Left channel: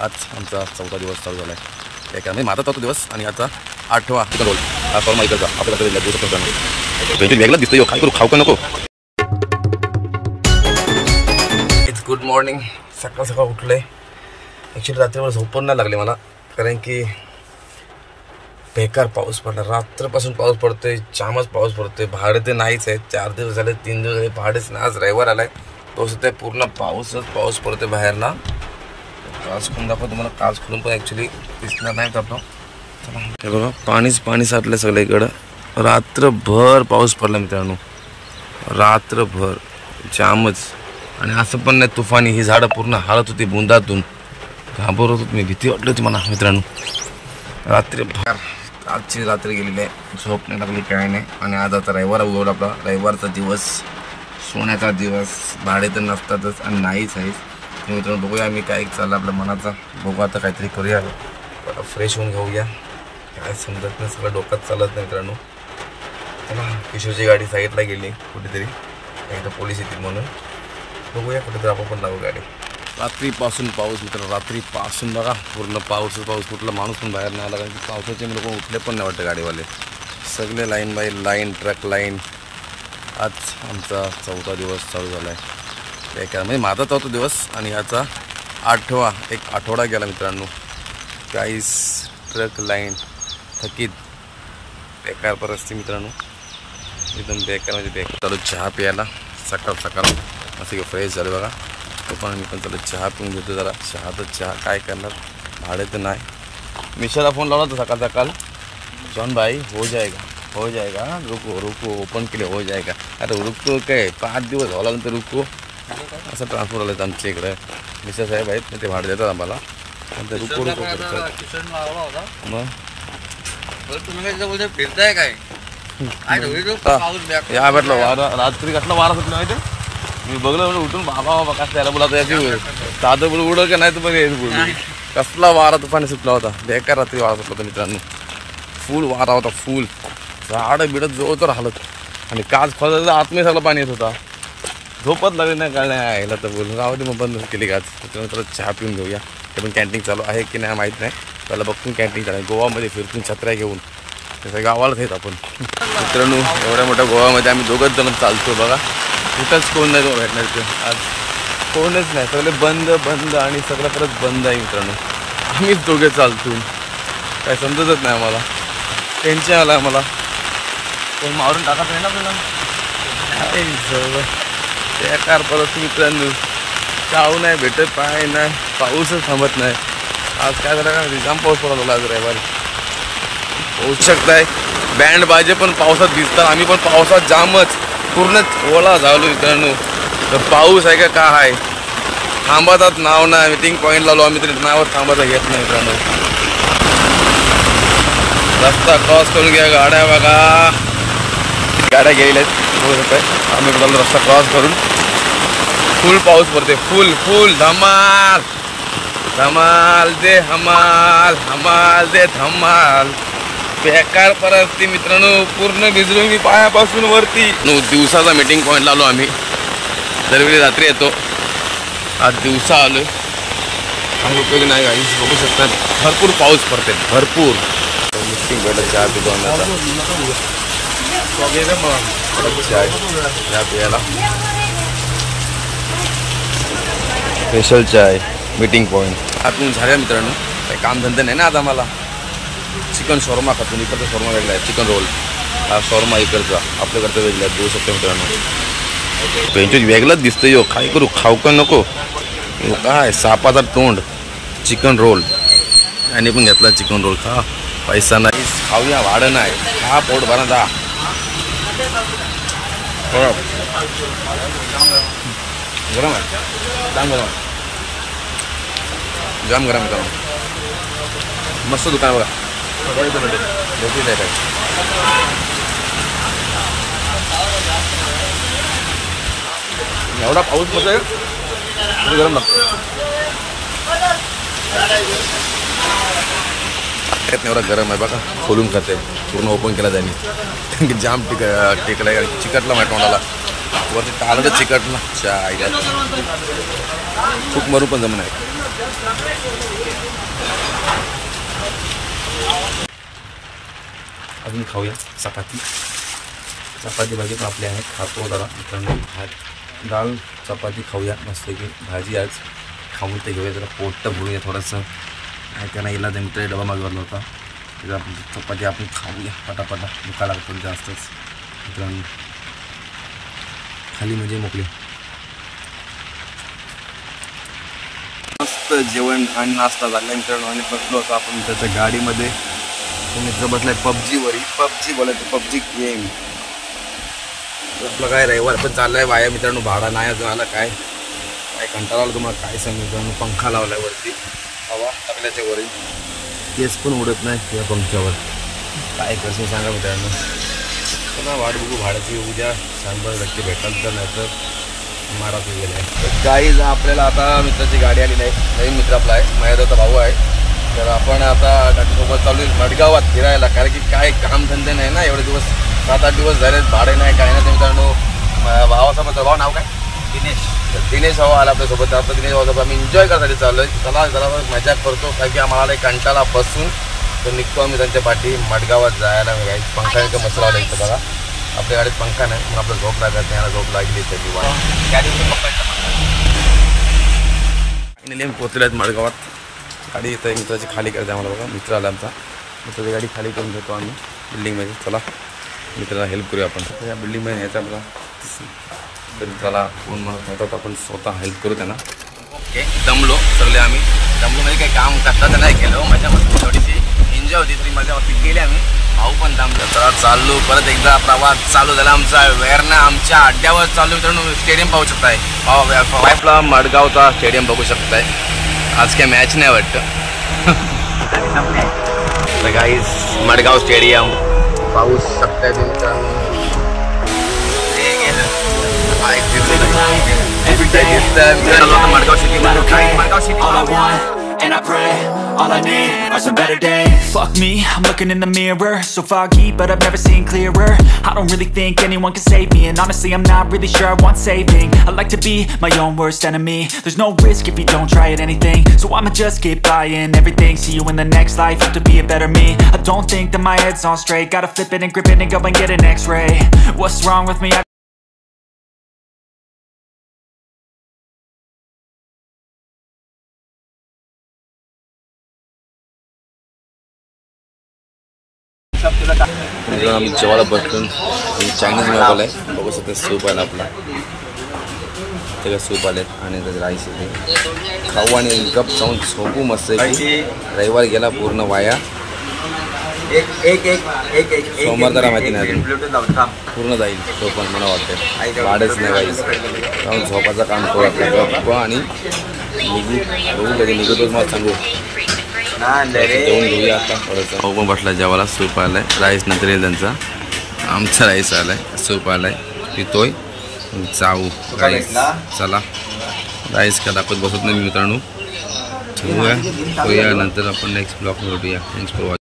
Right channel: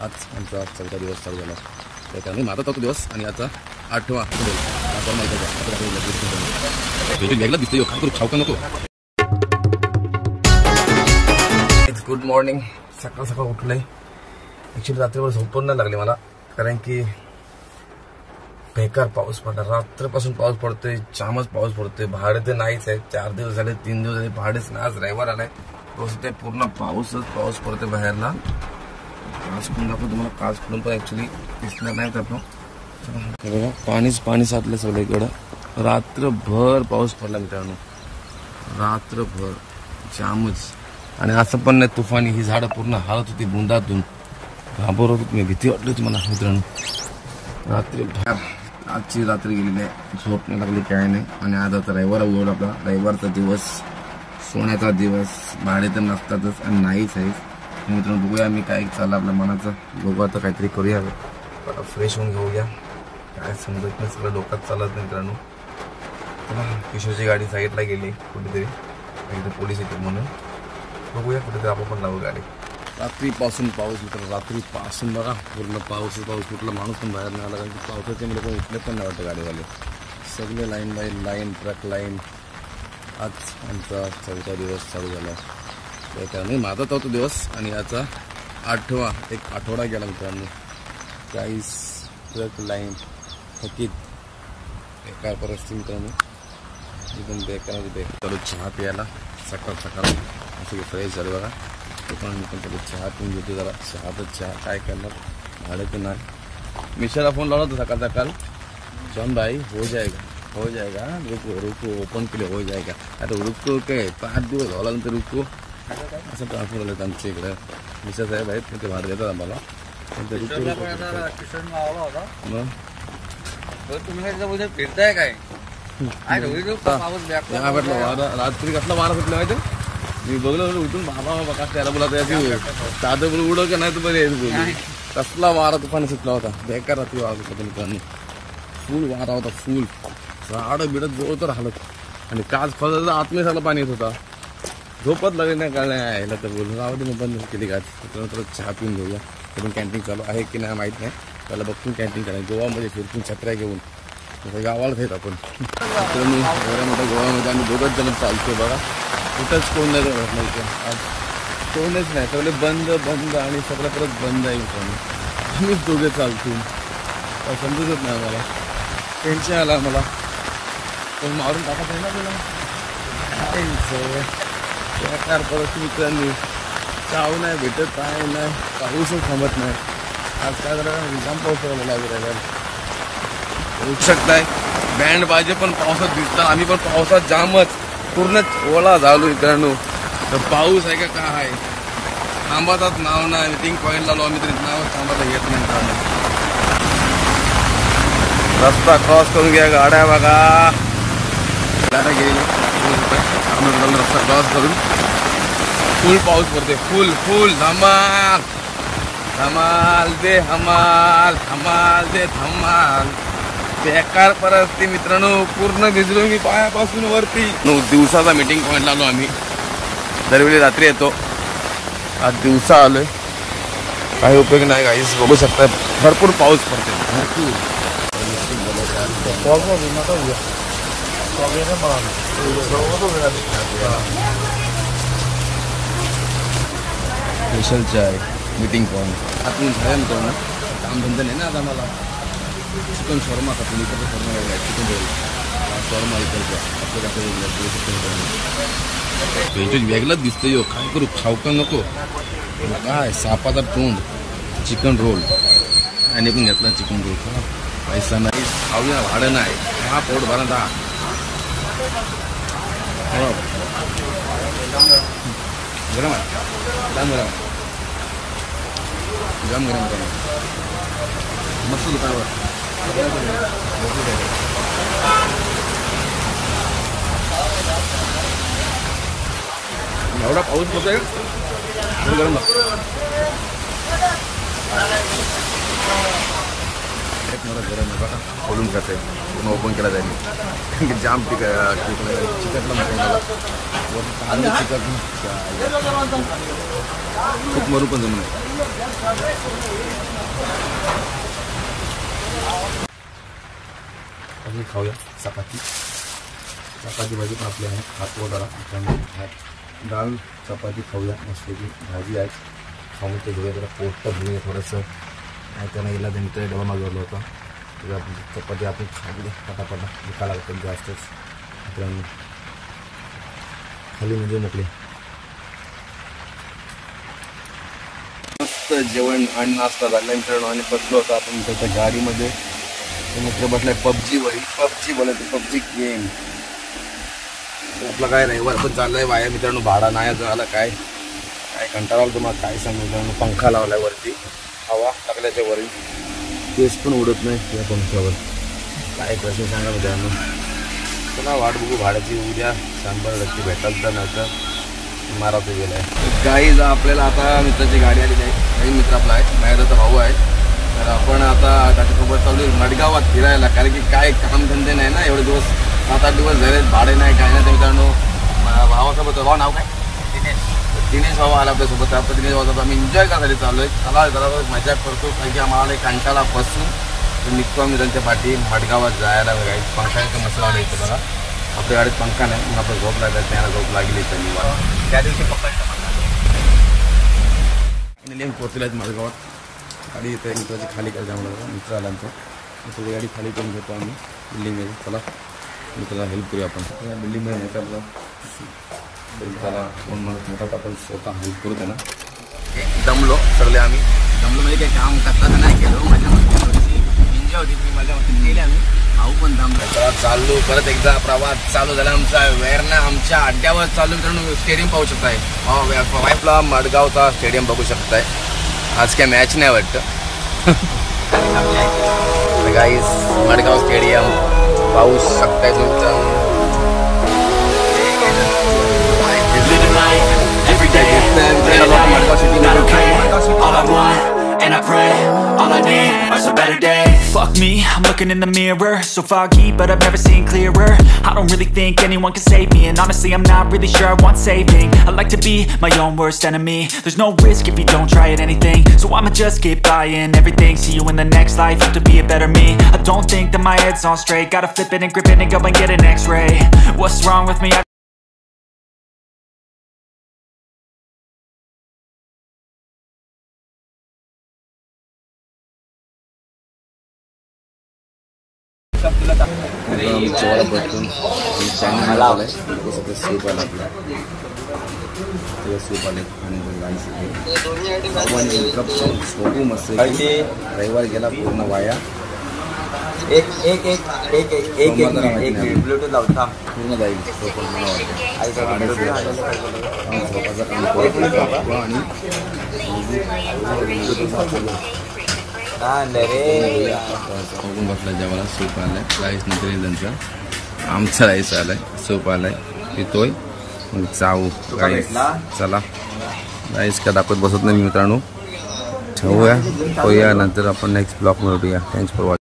आज आमचा 4था दिवस चालू झाला आहे. काय काय माझा 4था दिवस आणि आजचा 8वा चिकन रोल हा फॉर्म ऐकायचा आपल्याकडे वेगळाच दिसतोय. काय करू, खाऊ का नको. It's good morning. सकाळ सकाळ उठलंय. ॲक्च्युली रात्रीवर झोप पण नाही लागली मला, कारण की बेकार पाऊस पडला. रात्रपासून पाऊस पडतोय, जामच पाऊस पडतोय. भाडे ते नाहीच आहे. 4 दिवस झाले, 3 दिवस झाले भाडेच नाही. आज रविवार आलाय, पाऊस होते पूर्ण पाऊस पडतोय बाहेरला. काच खोलून दाखवतो तुम्हाला. काच खोलून पण ॲक्च्युली दिसणार नाही आपलं. हे बघा पाणी साठलं सगळीकडं. रात्रभर पाऊस पडला मित्रांनो, रात्रभर जामच. आणि असं पण नाही तुफानी, ही झाडं पूर्ण हालत होती बुंदातून. घाबरत होत मी, भीती वाटली होती मला मित्रांनो. रात्रभर आजची रात्र गेलेली आहे, झोप नाही लागली, काय नाही. आणि आज आता रविवार उगवला आपला. रविवारचा दिवस, सोन्याचा दिवस. भाडे तर नसतातच आणि नाहीच आहेच. मित्रांनो बघूया आम्ही काय चाललं आपल्या मनाचा. बघू आता काहीतरी करूया, फ्रेश होऊन घेऊया. काय समजत नाही, सगळं डोक्यात चालत नाही मित्रांनो. चला किशोरची गाडी साईडला गेली कुठेतरी, एकदा पोलीस येतील म्हणून. बघूया कुठेतरी आपण पण लावू गाडी. रात्रीपासून पाऊस मित्रांनो, रात्रीपासून बघा पूर्ण पाऊस. कुठला माणूस पण बाहेर नाही आला, कारण की पावसाचे लोक उठले पण नाही वाटतं गाडीवाले. सगळे line by line, truck line. आज आमचा 4था दिवस चालू झाला आहे. काय काय म्हणजे माझा 4था दिवस आणि याचा 8वा. एक आठवडा गेला मित्रांनो. काहीच ट्रक लाईन, थकीत, बेकार परिस्थिती मित्रांनो, एकदम बेकार म्हणजे बेकार. चालू चहा प्यायला सकाळ असं फ्रेश झालं बघा. तो पण मी पण चालू चहा पिऊन घेतो जरा. चहा काय करणार, भाडे तर नाही. मिशाला फोन लावला होता सकाळ जॉन भाई हो जाएगा रुको ओपन केले हो जाएगा. अरे रुको काय 5 दिवस झाला नंतर रुको असं ट्रान्सफर आलं आमच्या इकडं. मिशा साहेब आहेत ते भाडे देतात आम्हाला. रुको मग फिरताय काय या भेटलं वारा. रात्री कसला वारा सुटला माहिती, मी बघलं उठून बाबा कसं त्याला बोला याची साधं बोल उडं का नाही तर बोल. कसला वारा तुफानी सुटला होता, बेकार रात्री वारा सुटला होता मित्रांनो. फुल वारा होता, फुल. झाडं बिडत जोर तर हालत. आणि काच खोलायला आतमध्ये सगळं पाणी येत होता. झोपत लागली नाही, काय नाही यायला तर बोलून राहू दे, मग बंद केली काच. त्याच्यानंतर चहा पिऊन घेऊया. ते पण कॅन्टीन चालू आहे की नाही माहीत नाही, त्याला बघतून कॅन्टीन चालू आहे. गोवामध्ये फिरतून छत्र्या घेऊन तसं गावालाच आहेत आपण मित्रांनो. एवढ्या मोठ्या गोवामध्ये आम्ही 2घच जण चालतो बघा. कुठंच कोण नाही भेटणार इथं. आज कोणच नाही, सगळे बंद आणि सगळं परत बंद आहे मित्रांनो. आम्हीच 2घे चालतो, काय समजतच नाही आम्हाला. टेन्शन आलं आहे मला. कोण मारून टाकत नाही ना आपल्याला. बेकार परत मित्रांनो. चावू नाही भेटत, पाय नाही, पाऊसच थांबत नाही. आज काय झालं का जाम पाऊस पडला आज रविवारी. होऊ शकताय बँड बाजे पण पावसात दिसतात. आम्ही पण पावसात जामच पूर्ण ओला झालो मित्रांनो. तर पाऊस आहे का आहे, थांबातात नाव नाही. मीटिंग पॉईंटला आलो आम्ही, तरी नावच थांबायला येत नाही मित्रांनो. रस्ता क्रॉस करून घ्या, गाड्या बघा. गाड्या गेलेल्या आहेत 2 रुपये. आम्ही बघालो रस्ता क्रॉस करून. फुल पाऊस पडते, फुल धमाल दे हमाल दे धमाल. बेकार परिस्थिती मित्रांनो, पूर्ण भिजलो मी पायापासून वरती. 9 दिवसाचा मीटिंग पॉईंटला आलो आम्ही. दरवेळी रात्री येतो, आज दिवसा आलोय. काही उपयोग नाही गाईस, बघू शकतात भरपूर पाऊस पडते, भरपूर. मीटिंग पहिला चहा पितो आम्ही. चहा प्यायला स्पेशल चाय मीटिंग पॉईंट. आपण झाल्या मित्रांनो, काही कामधंदे नाही ना आता मला. चिकन शॉर्मा खातो, इकडचा शॉर्मा वेगळा आहे. चिकन रोल हा शॉर्मा इकडचा, आपल्याकडचं वेगळं आहे. 2 शकतो मित्रांनो. पेंचो वेगळंच दिसतं यो. काय करू, खाऊ का नको. काय सापाचा तोंड. चिकन रोल आणि पण घेतला चिकन रोल. खा, पैसा नाही खाऊया, भाडं नाही. हा पोट भरा जा. गरम आहे, जाम गरम आहे. मस्त दुकान बघा. एवढा पाऊस पडतोय तरी गरम लागतो. एवढा गरम आहे बघा. खोलून खाते, पूर्ण ओपन केला जाईल. जाम टिकला चिकटला माझ्या तोंडाला. वरती टाळलं चिकटला. चाय खूप मरू पण जमणार. अजून खाऊया चपाती. चपाती भाजी पण आपली आहे, खातो जरा मित्रांनो. भात डाळ चपाती खाऊया मस्तपैकी. भाजी आज खाऊन ते घेऊया, जरा पोट भरूया थोडंसं. नाही त्यांना येला तर मित्र डबा मागवला होता, त्याचा आपण चपाती आपण खाऊया पटापटा. दुखा लागतं जास्तच मित्रांनो. खाली म्हणजे मोकळे. मस्त जेवण आणि नाश्ता झाला मित्रांनो. आणि बसलो होतो आपण त्याच्या गाडीमध्ये. तो मित्र बसलाय पबजीवरी. पबजी बोलायचं, पबजी गेम. आपलं काय रविवार पण चाललाय वाया मित्रांनो. भाडा नाही झाला काय काय कंटाळा आला तुम्हाला काय सांगू मित्रांनो. पंखा लावलाय वरती, हवा टाकल्याच्या वरी, केस पण उडत नाही या पंख्यावर. काय कसं सांगा मित्रांनो. चला वाट बघू भाड्याची. उद्या 100% भेटाल तर, नाही तर मारायचं गेलाय. तर काही आपल्याला आता मित्राची गाडी आलेली आहे. नवीन मित्र आपला आहे, माझ्याचा भाऊ आहे. तर आपण आता त्याच्यासोबत चालू आहे मडगावात फिरायला. कारण की काय कामधंदे नाही ना, एवढे दिवस 7-8 दिवस झाले, भाडे नाही काय नाही. तर मित्रांनो भावासोबत, भाऊ नाव काय? दिनेश. तर दिनेश भाऊ आला आपल्यासोबत. आता दिनेश भाऊसोबत आम्ही एन्जॉय करायसाठी चाललो आहे. चला जरा मजा करतो, कारण की आम्हाला एक कंटाळा बसून. तर निघतो आम्ही त्यांच्या पाठी मडगावात जायला. बघाय पंखाचा मसला आला इथं बघा. आपल्या गाडीत पंखा नाही म्हणून आपल्याला झोप लागत नाही. झोप लागली तर निवांत. फायनली पोचले आहेत मडगावात. गाडी इथं मित्राची खाली करायची आम्हाला बघा. मित्र आला आमचा, मित्राची गाडी खाली करून घेतो आम्ही बिल्डिंगमध्ये. चला मित्राला हेल्प करूया आपण. या बिल्डिंगमध्ये यायचं आपला. तर मित्राला कोण म्हणत नव्हतं, आपण स्वतः हेल्प करू त्यांना. ओके दमलो सगळे आम्ही. दमलो म्हणजे काही काम करता नाही केलं, मजा मस्ती थोडीशी एन्जॉय होती, तरी मजा मस्ती केली आम्ही. भाऊ पण दमलो. चला चाललो परत एकदा प्रवास चालू झाला आमचा. वेरना आमच्या अड्ड्यावर चालू मित्रांनो. स्टेडियम पाहू शकताय, आपला मडगावचा स्टेडियम बघू शकताय. आज काय मॅच नाही वाटतं. तर गाईस मडगाव स्टेडियम पाऊस शकताय तुमचा. Madgaon city and I pray, all I need are some better days. Fuck me, I'm looking in the mirror, so foggy, but I've never seen clearer. I don't really think anyone can save me, and honestly I'm not really sure I want saving. I like to be my own worst enemy. There's no risk if you don't try at anything, so I'ma just keep buying everything. See you in the next life, have to be a better me. I don't think that my head's on straight, gotta flip it and grip it and go and get an x-ray. What's wrong with me? आम्ही जेवायला बसलो. Chinese मागवलं आहे, बघू शकता. Soup आला आपला, त्याला सूप आले आणि त्याचं राईस येते. खाऊ आणि एक कप खाऊन झोपू मस्त. रविवार गेला पूर्ण वाया. सोमवार जरा माहिती नाही अजून, पूर्ण जाईल तो पण मला वाटतं. वाढच नाही काहीच. जाऊन झोपाचं काम करू आपलं गप्प आणि निघू. बघू कधी निघतो मला सांगू. जेवण घेऊया आता थोडंसं. भाऊ पण बसला जेवायला. सूप आलाय, राईस नंतर येईल त्यांचा. आमचा राईस आलाय, सूप आलाय, पितोय. जाऊ राईस. चला राईस का दाखवत बसत नाही मित्रांनो. होऊया नंतर आपण नेक्स्ट ब्लॉग भेटूया. Thanks for watching.